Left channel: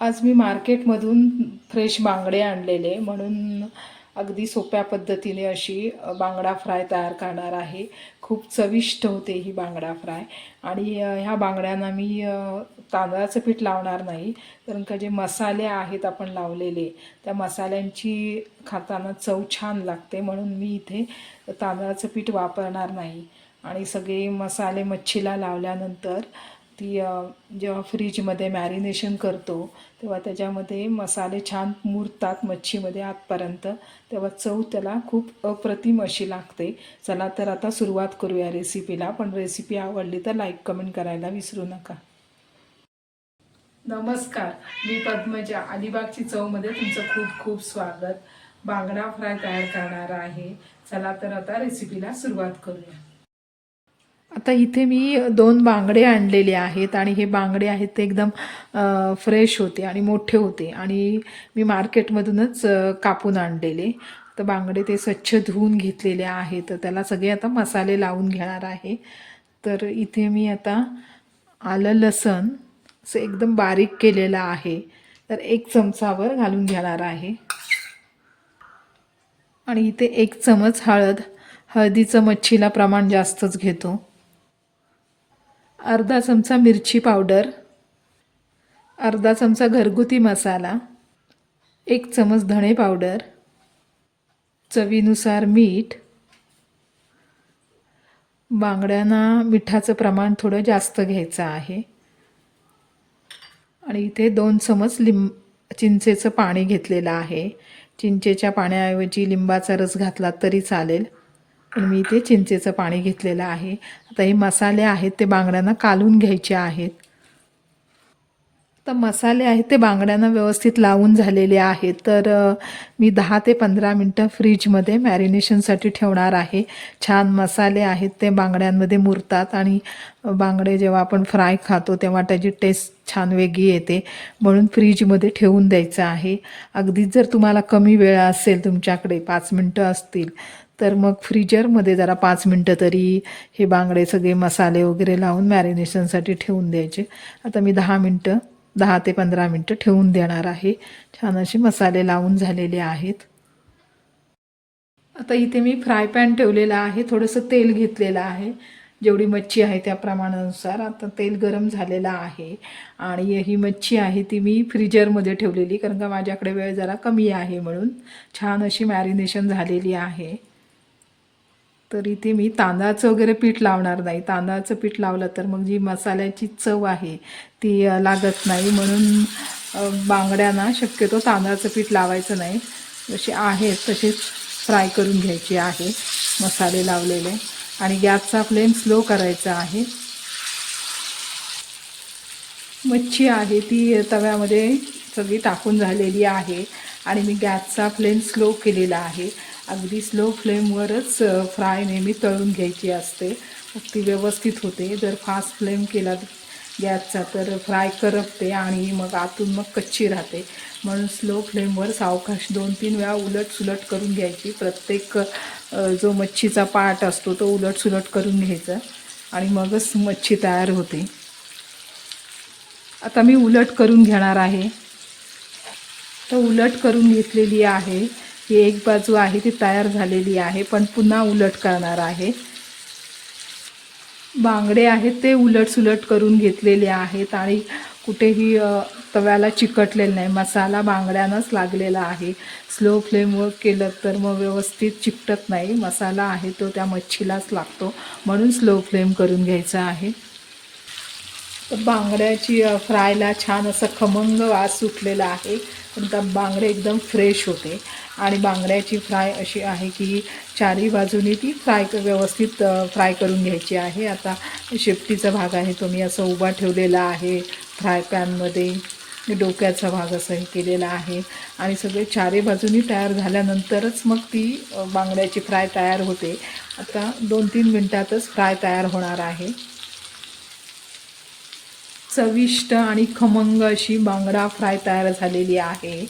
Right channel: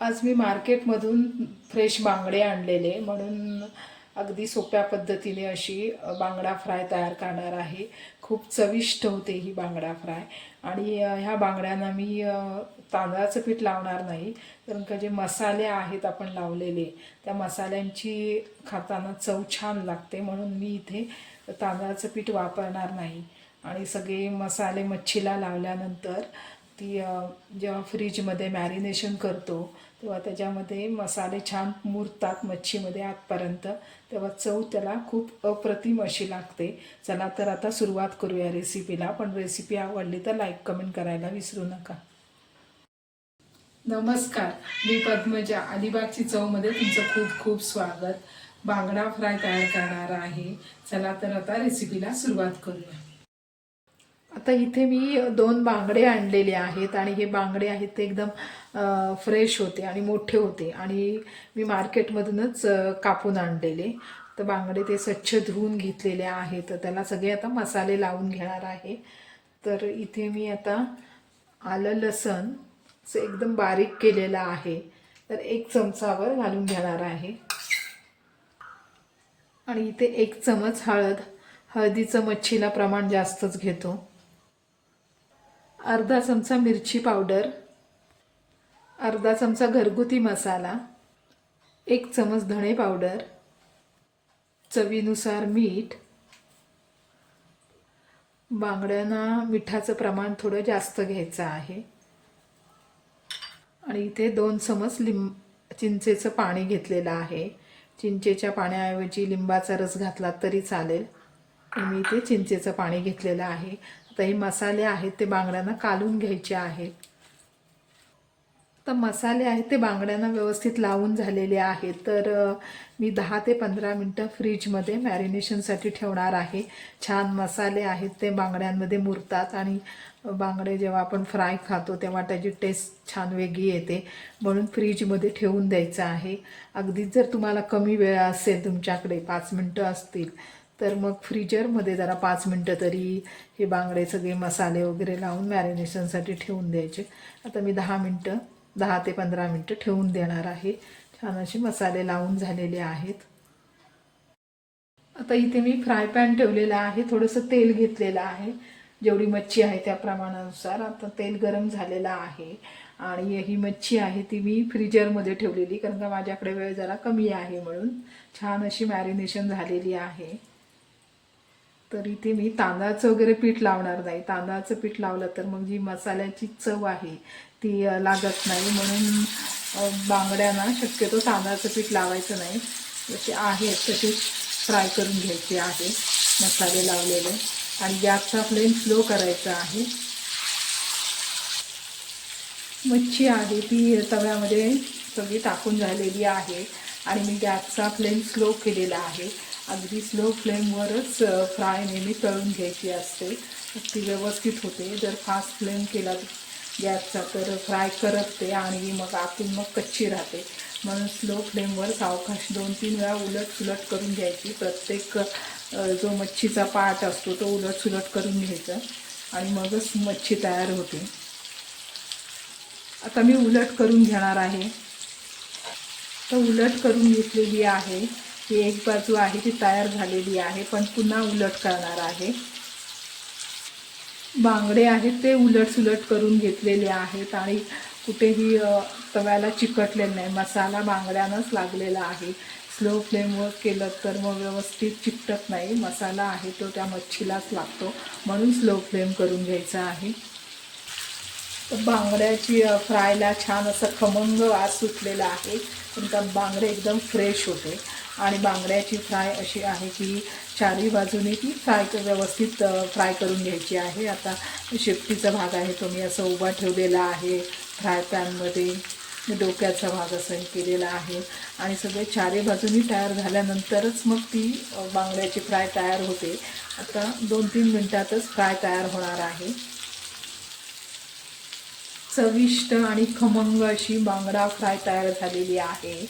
आज मी मार्केटमधून फ्रेश बांगडे आणलेले म्हणून अगदी सोप्या पद्धतीने अशी बांगडा फ्राय तयार करणार आहे. खूप चविष्ट होते ही बांगडा फ्राय. आणि ह्या बांगड्यांना मी तांदळाचं पीठ लावणार नाही कारण का जे मसाले आहेत आपण लावलेले त्या मसाल्यांची खाताना चव छान लागते म्हणून मी इथे तांदळाचं पीठ वापरणार नाही. आणि सगळे मसाले मच्छीला लावल्यानंतर ती जेव्हा फ्रीजमध्ये मॅरिनेशन करतो तेव्हा त्याच्यामध्ये मसाले छान मुरतात मच्छीमध्ये आतपर्यंत. तेव्हा चव त्याला खूप अप्रतिम अशी लागते. चला तर आता सुरुवात करूया रेसिपीला पण रेसिपी आवडली तर लाईक कमेंट करायला विसरू नका. नमस्कार. मी पद्मजा. अलिबागची चवमध्ये तुमचं खूप खूप स्वागत. बांगडा फ्राय तयार करणार आहे. चला तर आता रेसिपीला सुरुवात करूया. आता इथे मी दोन बांगडे आणलेले आहेत आणि हे बांगडे आहेत ते एकदम फ्रेश होते आणि मोठे होते आणि मी मार्केटमधूनच कापून आणलेले. तर बांगडे ते स्वच्छ धुवून घेतलेले आहेत. तर त्याला सगळे आता मसाले लावून घेणार आहे. तर इथे मी आता आलं लसण. असं एकदम बारीक केलेलं आहे. तर एक चमचावर घालून घेणार आहे. आणि इथे एक चमच हळद. हळदीचं मच्छीला प्रमाण जास्तच घेतो. अर्धा चमचा मिरची पावडर अर्धा चमचा घरगुती मसाला एक चमच धणे पावडर चवीनुसार मीठ बांगड्यांना मिठाचं प्रमाण थोडं जास्त घ्यायचं आहे. आणि इथे दोन चमच लिंब चिंचेचं पाणी घेतलेलं आहे. चिंचेच्या पाण्याऐवजी लिंबाचा रस घातला तरी चालेल. मी इथे चिंचेचं पाणी घेतलेलं आहे. आता हे मसाले आहेत ते बांगड्यांना कालून घ्यायचे आहेत. तर मसाले आहेत ते बांगड्यांना व्यवस्थित लावून झालेले आहेत. तर मी दहा ते पंधरा मिनटं फ्रीजमध्ये मॅरिनेशनसाठी ठेवणार आहे. छान मसाले आहेत ते बांगड्यांमध्ये मुरतात आणि बांगडे जेव्हा आपण फ्राय खातो तेव्हा त्याची टेस्ट छान वेगळी येते. म्हणून फ्रीजमध्ये ठेवून द्यायचं आहे. अगदीच जर तुम्हाला कमी वेळ असेल तुमच्याकडे पाच मिनटं असतील तर मग फ्रीजरमध्ये जरा पाच मिनटं तरी हे बांगडे सगळे मसाले वगैरे लावून मॅरिनेशनसाठी ठेवून द्यायचे. आता मी दहा मिनटं दहा ते पंधरा मिनटं ठेवून देणार आहे. छान असे मसाले लावून झालेले आहेत. आता इथे मी फ्राय पॅन ठेवलेला आहे. थोडंसं तेल घेतलेलं आहे. जेवढी मच्छी आहे त्या प्रमाणानुसार आता तेल गरम झालेलं आहे. आणि ही मच्छी आहे ती मी फ्रीजरमध्ये ठेवलेली कारण का माझ्याकडे वेळ जरा कमी आहे म्हणून. छान अशी मॅरिनेशन झालेली आहे. तर इथे मी तांदळाचं वगैरे पीठ लावणार नाही. तांदळाचं पीठ लावलं तर मग जी मसाल्याची चव आहे ती लागत नाही. म्हणून बांगड्यांना शक्यतो तांदळाचं पीठ लावायचं नाही. जसे आहेत तसेच फ्राय करून घ्यायचे आहे मसाले लावलेले. आणि गॅसचा फ्लेम स्लो करायचा आहे. मच्छी आहे ती तव्यामध्ये सगळी टाकून झालेली आहे. आणि मी गॅसचा फ्लेम स्लो केलेला आहे. अगदी स्लो फ्लेमवरच फ्राय नेहमी तळून घ्यायची असते. ती व्यवस्थित होते. जर फास्ट फ्लेम केला गॅसचा तर फ्राय करपते आणि मग आतून मग कच्ची राहते. म्हणून स्लो फ्लेमवर सावकाश दोन तीन वेळा उलट सुलट करून घ्यायची. प्रत्येक जो मच्छीचा पार्ट असतो तो उलट सुलट करून घ्यायचा आणि मगच मच्छी तयार होते. आता मी उलट करून घेणार आहे. तर उलट करून घेतलेली आहे. ही एक बाजू आहे ती तयार झालेली आहे पण पुन्हा उलट करणार आहे. बांगडे आहेत ते उलटसुलट करून घेतलेले आहेत आणि कुठेही तव्याला चिकटलेलं नाही. मसाला बांगड्यानंच लागलेला आहे. स्लो फ्लेमवर केलं तर मग व्यवस्थित चिकटत नाही. मसाला आहे तो त्या मच्छीलाच लागतो. म्हणून स्लो फ्लेम करून घ्यायचा आहे. बांगड्याची फ्रायला छान असं खमंग वास सुटलेला आहे. पण त्या बांगडे एकदम फ्रेश होते. आणि बांगड्याची फ्राय अशी आहे की चारही बाजूने ती फ्राय व्यवस्थित फ्राय करून घ्यायची आहे. आता शेपटीचा भाग आहे तो मी असं उभा ठेवलेला आहे. फ्राय पॅनमध्ये डोक्याचा भाग असं हे केलेला आहे. आणि सगळे चारही बाजूनी तयार झाल्यानंतरच मग ती बांगड्याची फ्राय तयार होते. आता दोन तीन मिनटातच फ्राय तयार होणार आहे. चविष्ट आणि खमंग अशी बांगडा फ्राय तयार झालेली आहे.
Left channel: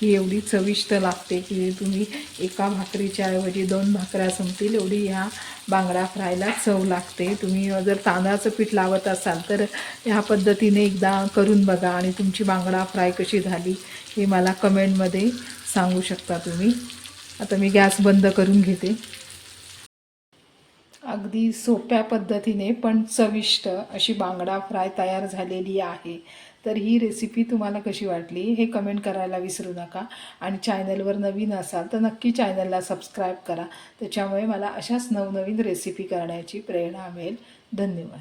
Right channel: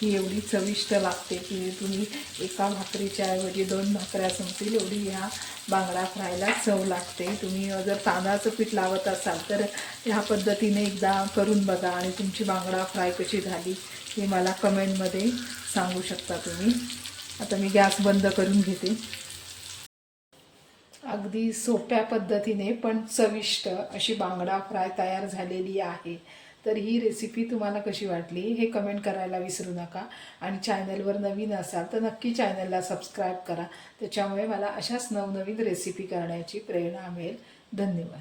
ही एवढी चविष्ट लागते की तुम्ही एका भाकरीच्या ऐवजी दोन भाकऱ्या संपतील एवढी ह्या बांगडा फ्रायला चव लागते. तुम्ही जर तांदळाचं पीठ लावत असाल तर ह्या पद्धतीने एकदा करून बघा आणि तुमची बांगडा फ्राय कशी झाली हे मला कमेंटमध्ये सांगू शकता तुम्ही. आता मी गॅस बंद करून घेते. अगदी सोप्या पद्धतीने पण चविष्ट अशी बांगडा फ्राय तयार झालेली आहे. तर ही रेसिपी तुम्हाला कशी वाटली हे कमेंट करायला विसरू नका. आणि चॅनलवर नवीन असाल तर नक्की चॅनलला सबस्क्राईब करा. त्याच्यामुळे मला अशाच नवनवीन रेसिपी करण्याची प्रेरणा मिळेल. धन्यवाद.